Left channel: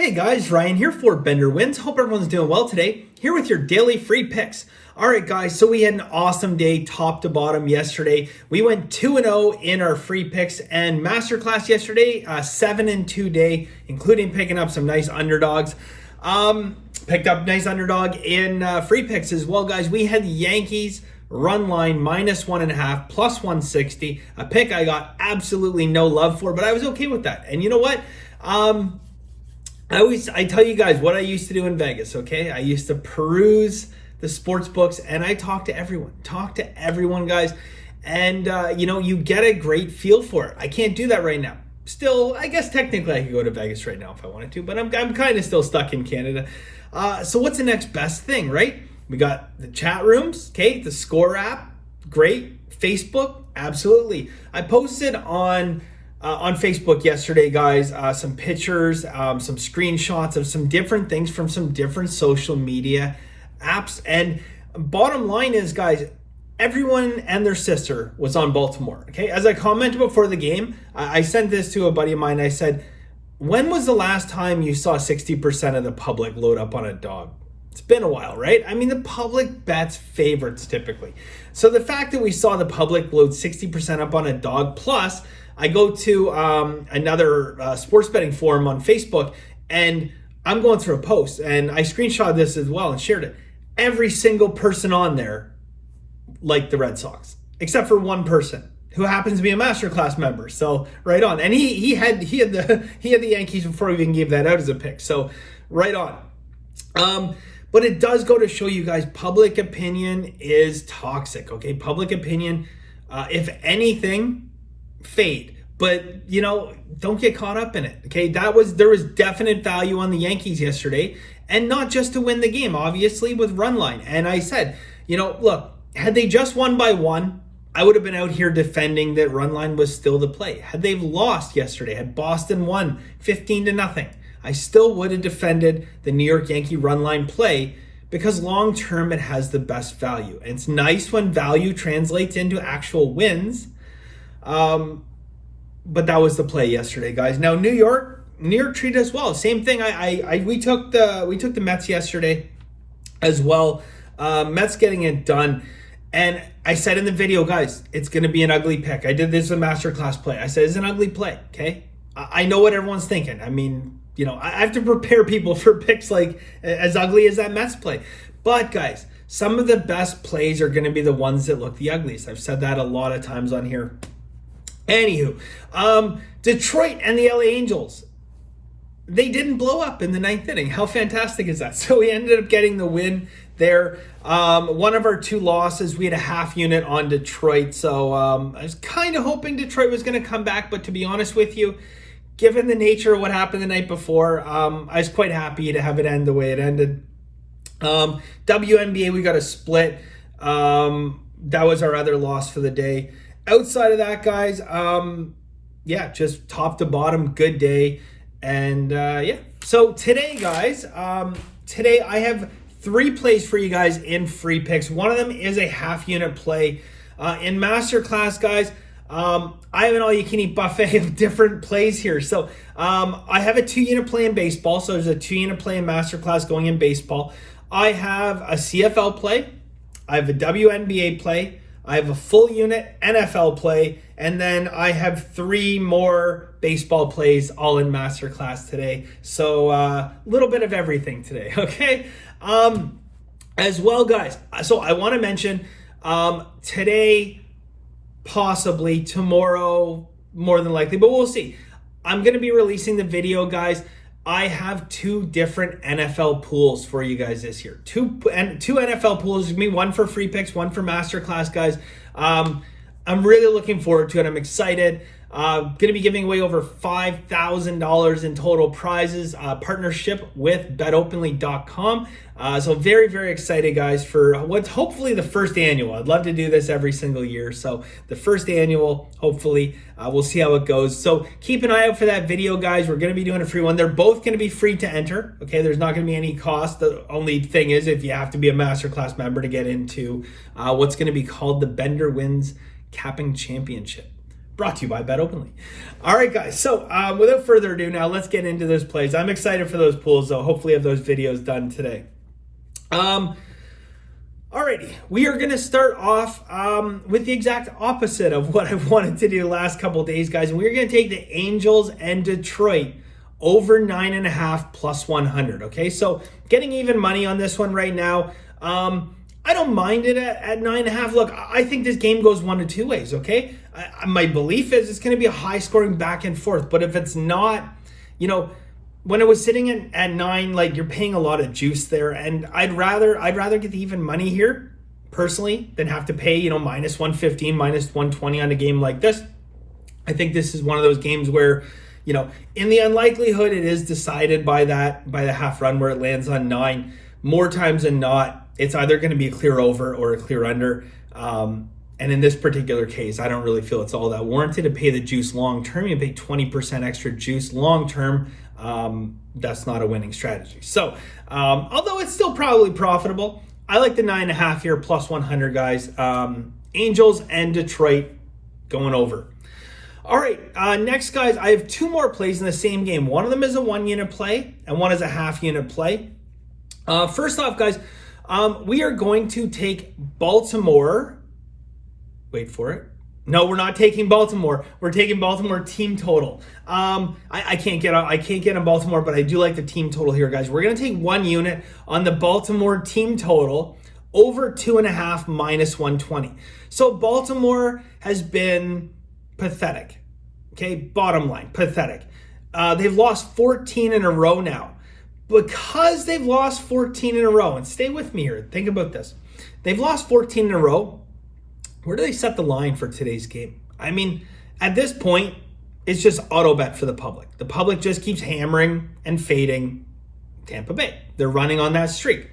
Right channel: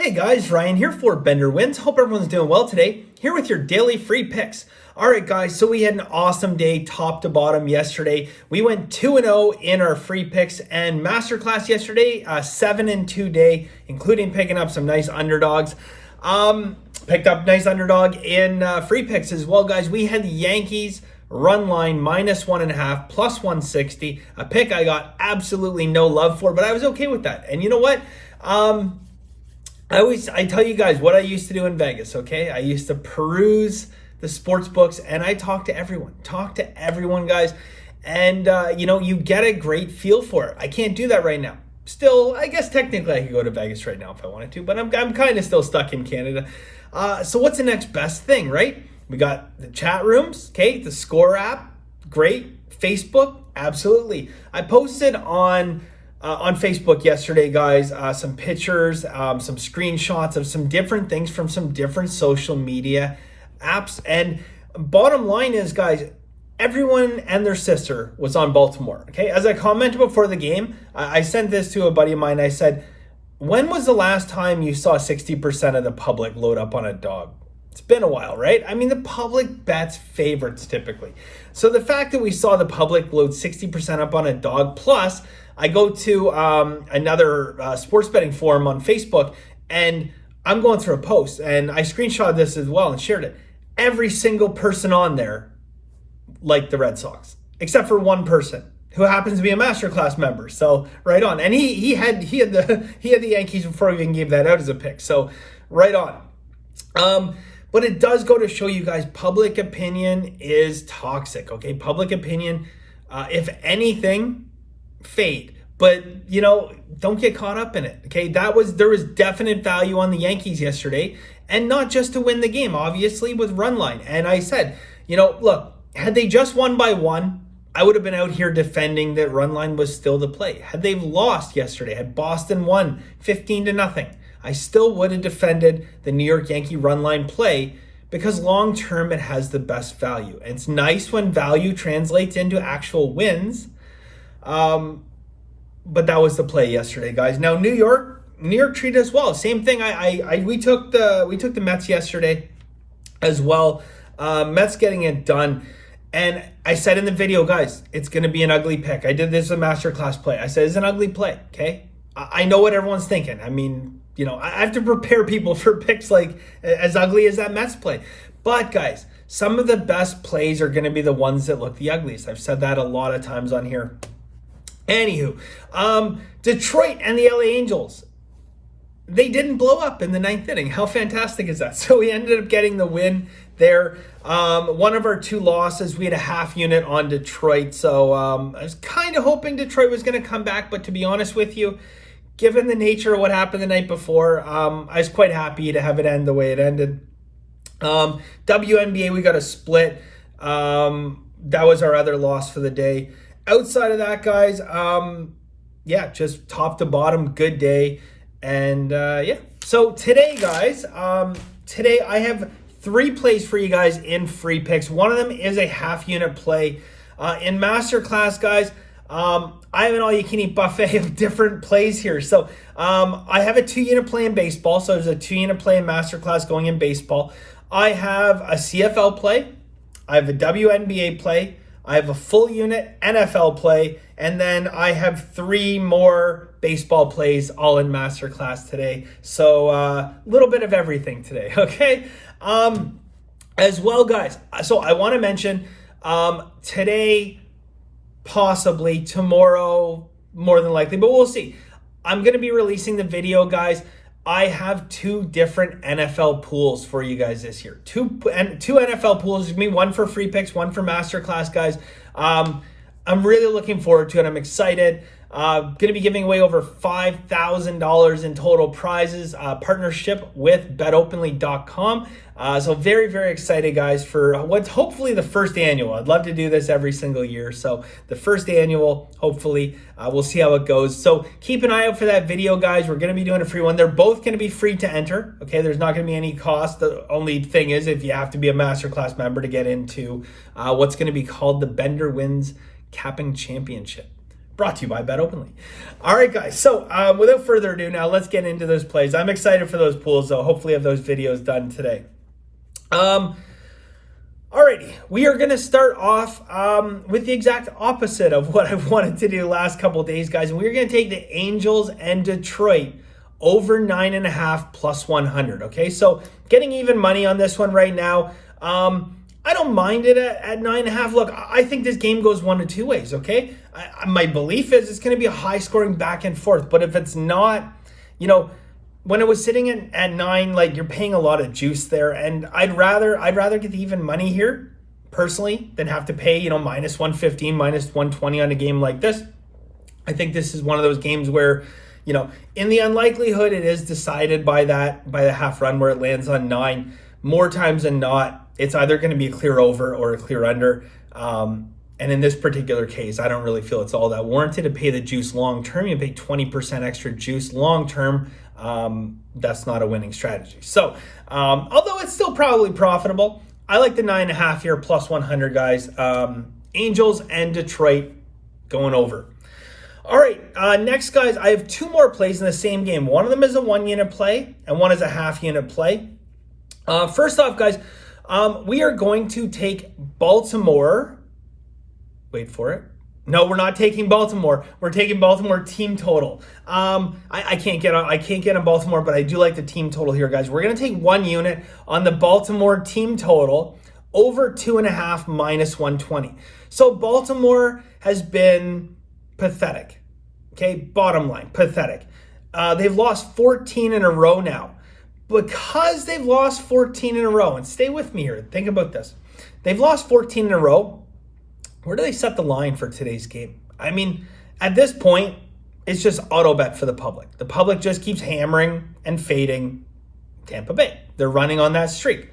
Hey guys, Ryan here for Bender Wins. Hope everyone's doing well today. Here with your daily free picks. All right, guys, so we had an awesome day top to bottom yesterday. We went 2-0 in our free picks and Masterclass yesterday, 7-2 day, including picking up some nice underdogs. Picked up nice underdog in free picks as well, guys. We had the Yankees run line -1.5 plus 160, a pick I got absolutely no love for, but I was okay with that. And you know what? I tell you guys what I used to do in Vegas, okay? I used to peruse the sports books and I talk to everyone, guys. And, you get a great feel for it. I can't do that right now. Still, I guess technically I could go to Vegas right now if I wanted to, but I'm kind of still stuck in Canada. So what's the next best thing, right? We got the chat rooms, okay? The Score app, great. Facebook, absolutely. I posted on Facebook yesterday, guys, some pictures, some screenshots of some different things from some different social media apps. And bottom line is, guys, everyone and their sister was on Baltimore. Okay, as I commented before the game, I sent this to a buddy of mine. I said, when was the last time you saw 60% of the public load up on a dog? It's been a while, right? I mean, the public bets favorites typically. So the fact that we saw the public load 60% up on a dog, plus I go to another sports betting forum on Facebook and I'm going through a post and I screenshot this as well and shared it. Every single person on there liked the Red Sox, except for one person who happens to be a Masterclass member. So right on. And he had the Yankees before we even gave that out as a pick. So right on. But it does go to show you guys, public opinion is toxic, okay? Public opinion, if anything, fade. But, don't get caught up in it, okay? There was definite value on the Yankees yesterday, and not just to win the game, obviously, with run line. And I said, look, had they just won by one, I would have been out here defending that run line was still the play. Had they lost yesterday, had Boston won 15-0, I still would have defended the New York Yankee run line play because long term it has the best value. And it's nice when value translates into actual wins. But that was the play yesterday, guys. Now New York treated us well. Same thing. We took the Mets yesterday as well. Mets getting it done. And I said in the video, guys, it's going to be an ugly pick. I did this with Masterclass play. I said it's an ugly play. Okay. I know what everyone's thinking. I mean, I have to prepare people for picks like as ugly as that Mets play. But guys, some of the best plays are going to be the ones that look the ugliest. I've said that a lot of times on here. Anywho, Detroit and the LA Angels, they didn't blow up in the ninth inning. How fantastic is that? So we ended up getting the win there. One of our two losses, we had a half unit on Detroit. So I was kind of hoping Detroit was going to come back. But to be honest with you, given the nature of what happened the night before, I was quite happy to have it end the way it ended. WNBA, we got a split. That was our other loss for the day. Outside of that, guys, just top to bottom, good day. And so today, guys, today I have 3 plays for you guys in free picks. One of them is a half unit play. In Masterclass, guys, I have an all-you-can-eat buffet of different plays here. So I have a 2-unit play in baseball. So there's a 2-unit play in Masterclass going in baseball. I have a CFL play. I have a WNBA play. I have a full unit NFL play. And then I have 3 more baseball plays all in Masterclass today. So a little bit of everything today, okay? As well, guys. So I want to mention today, possibly tomorrow, more than likely, but we'll see. I'm going to be releasing the video, guys. I have 2 different NFL pools for you guys this year. Two NFL pools. There's going to be one for free picks, one for Masterclass, guys. I'm really looking forward to it. I'm excited. Going to be giving away over $5,000 in total prizes. Partnership with betopenly.com. So very, very excited, guys, for what's hopefully the first annual. I'd love to do this every single year. So the first annual, hopefully, we'll see how it goes. So keep an eye out for that video, guys. We're going to be doing a free one. They're both going to be free to enter. Okay, there's not going to be any cost. The only thing is if you have to be a Masterclass member to get into what's going to be called the Bender Wins Capping Championship. Brought to you by Bet Openly. All right, guys. So without further ado, now let's get into those plays. I'm excited for those pools, though. Hopefully, I have those videos done today. Alrighty, we are going to start off with the exact opposite of what I've wanted to do the last couple of days, guys. And we're going to take the Angels and Detroit over 9.5 plus 100. Okay, so getting even money on this one right now. I don't mind it at 9.5. Look, I think this game goes one of two ways. Okay, my belief is it's going to be a high scoring back and forth. But if it's not, when it was sitting at 9, like, you're paying a lot of juice there, and I'd rather get the even money here personally than have to pay minus 115, minus 120 on a game like this. I think this is one of those games where in the unlikelihood it is decided by the half run where it lands on 9. More times than not, it's either going to be a clear over or a clear under. And in this particular case, I don't really feel it's all that warranted to pay the juice long term. You pay 20% extra juice long term. That's not a winning strategy. So, although it's still probably profitable, I like the 9.5 here plus 100, guys. Angels and Detroit going over. All right, next, guys, I have two more plays in the same game. One of them is a 1 unit play and one is a half unit play. First off, guys, we are going to take Baltimore. Wait for it. No, we're not taking Baltimore. We're taking Baltimore team total. I can't get on Baltimore, but I do like the team total here, guys. We're going to take 1 unit on the Baltimore team total over 2.5 minus 120. So Baltimore has been pathetic. Okay, bottom line, pathetic. They've lost 14 in a row now. Because they've lost 14 in a row, and stay with me here, think about this. They've lost 14 in a row. Where do they set the line for today's game? I mean, at this point, it's just auto bet for the public. The public just keeps hammering and fading Tampa Bay. They're running on that streak.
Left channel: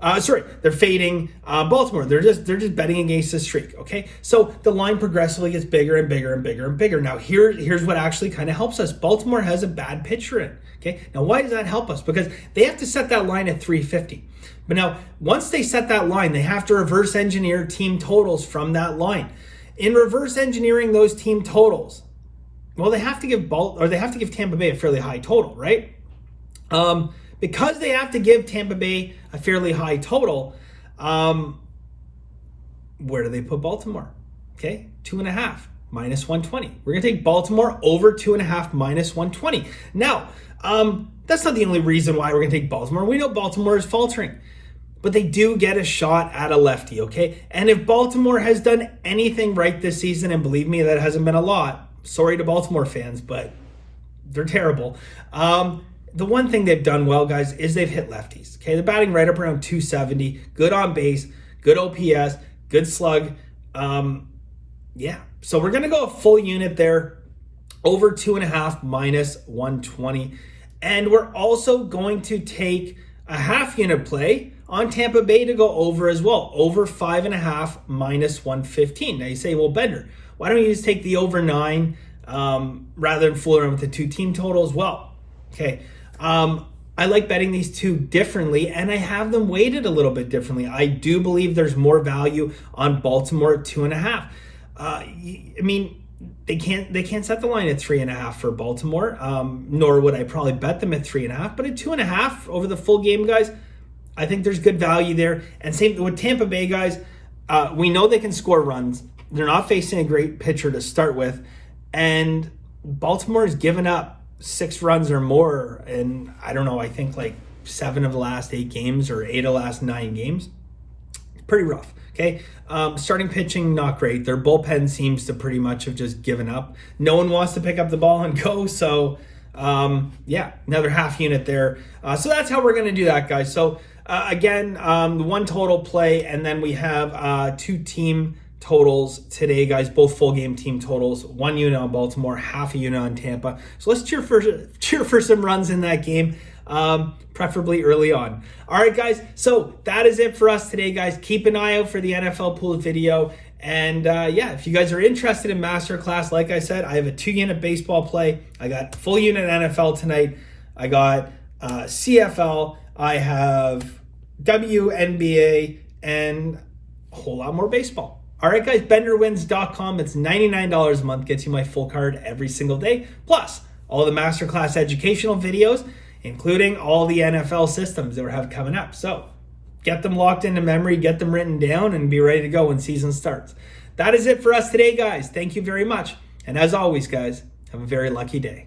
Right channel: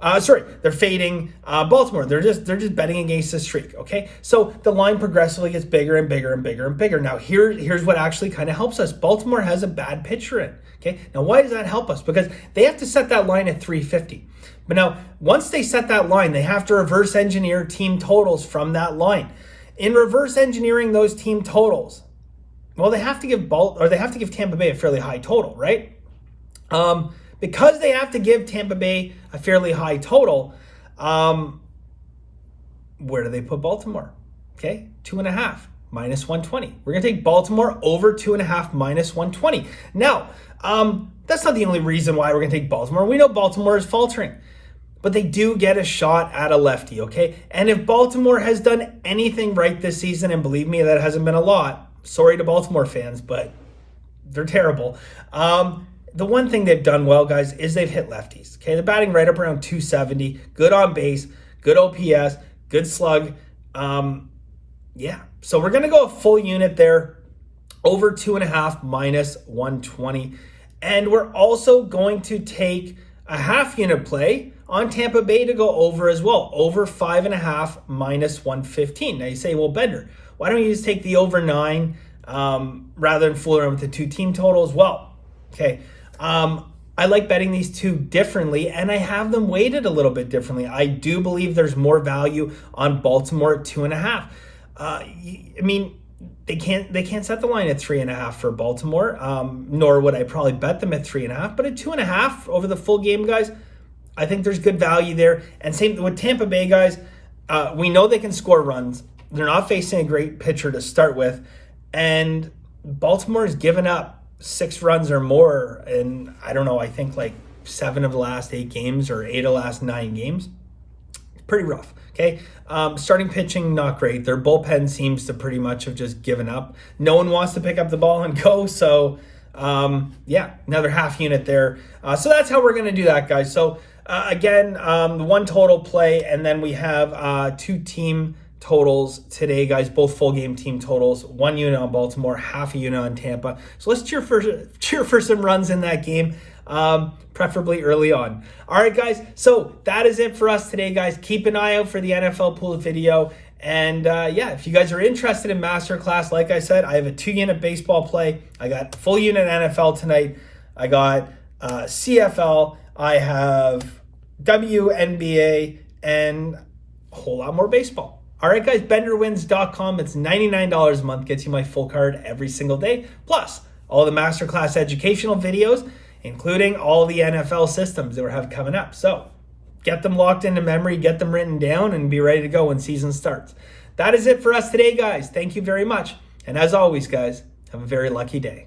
They're fading Baltimore. They're just betting against the streak. Okay, so the line progressively gets bigger and bigger and bigger and bigger. Now here's what actually kind of helps us. Baltimore has a bad pitcher in. Okay, now why does that help us? Because they have to set that line at 350. But now once they set that line, they have to reverse engineer team totals from that line. In reverse engineering those team totals, well, they have to give Tampa Bay a fairly high total, right? Because they have to give Tampa Bay a fairly high total, where do they put Baltimore? Okay, 2.5 minus 120. We're going to take Baltimore over 2.5 minus 120. Now, that's not the only reason why we're going to take Baltimore. We know Baltimore is faltering, but they do get a shot at a lefty, okay? And if Baltimore has done anything right this season, and believe me, that hasn't been a lot, sorry to Baltimore fans, but they're terrible. The one thing they've done well, guys, is they've hit lefties. Okay, they're batting right up around 270, good on base, good OPS, good slug. So we're going to go a full unit there, over 2.5 minus 120. And we're also going to take a half unit play on Tampa Bay to go over as well, over 5.5 minus 115. Now you say, well, Bender, why don't you just take the over 9 rather than fool around with the two team totals? Well, okay. I like betting these two differently, and I have them weighted a little bit differently. I do believe there's more value on Baltimore at 2.5. I mean, they can't set the line at 3.5 for Baltimore, nor would I probably bet them at 3.5. But at 2.5 over the full game, guys, I think there's good value there. And same with Tampa Bay, guys. We know they can score runs. They're not facing a great pitcher to start with, and Baltimore has given up 6 runs or more, and I don't know, I think like 7 of the last 8 games or 8 of the last 9 games. It's pretty rough. Okay, starting pitching, not great. Their bullpen seems to pretty much have just given up. No one wants to pick up the ball and go, so another half unit there. So that's how we're going to do that, guys. So again, the one total play, and then we have 2 team totals today, guys, both full game team totals, 1 unit on Baltimore, half a unit on Tampa. So let's cheer for some runs in that game, preferably early on. All right, guys, so that is it for us today, guys. Keep an eye out for the NFL pool video. And if you guys are interested in Masterclass, like I said, I have a 2 unit baseball play. I got full unit NFL tonight. I got CFL. I have WNBA and a whole lot more baseball. All right, guys, bettorwins.com. It's $99 a month, gets you my full card every single day, plus all the Masterclass educational videos, including all the NFL systems that we have coming up. So get them locked into memory, get them written down, and be ready to go when season starts. That is it for us today, guys. Thank you very much. And as always, guys, have a very lucky day.